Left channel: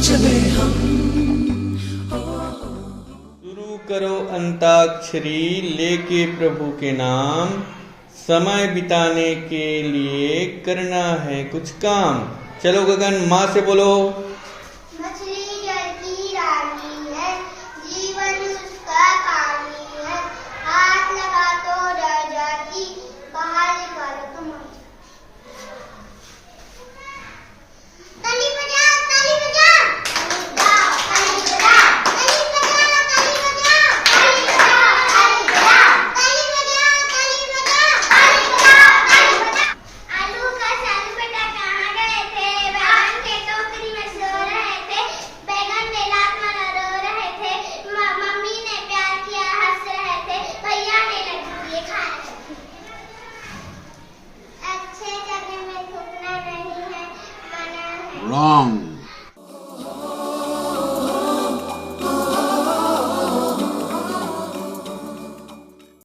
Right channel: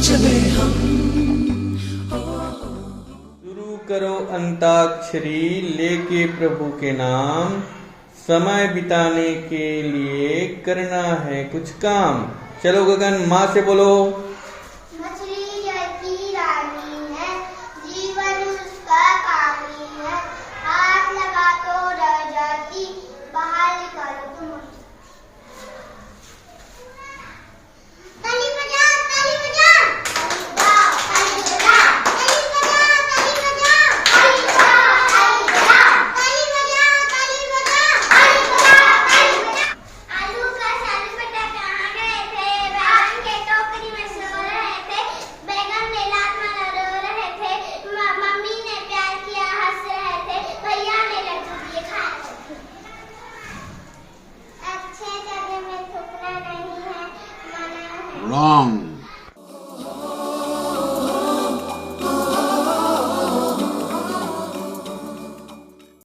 चले हम। शुरू करो अंताक्षरी लेके प्रभु के नाम, समय बिताने के लिए करना है कुछ काम। चलो गगन, माँ से बोलो। मछली जल की रानी है, जीवन उसका पानी है, हाथ लगा तो डर जाती, बाहर निकालो तुम। ताली बजाओ, ताली बजाओ, ताली बजाओ, ताली बजाओ, ताली बजाओ, ताली बजाओ, ताली बजाओ, ताली बजाओ, ताली बजाओ, ताली बजाओ, ताली बजाओ, ताली बजाओ। आलू का सलपटा कहाँ गए थे, बैगन के टोकरी में सो रहे थे, बैगन में लात मार रो रहे थे, मम्मी ने प्यार किया हंस रहे थे, भैया ने लड्डू दिए खा रहे थे। अच्छे जगह में थूकना नहीं है, मना है। Wrong.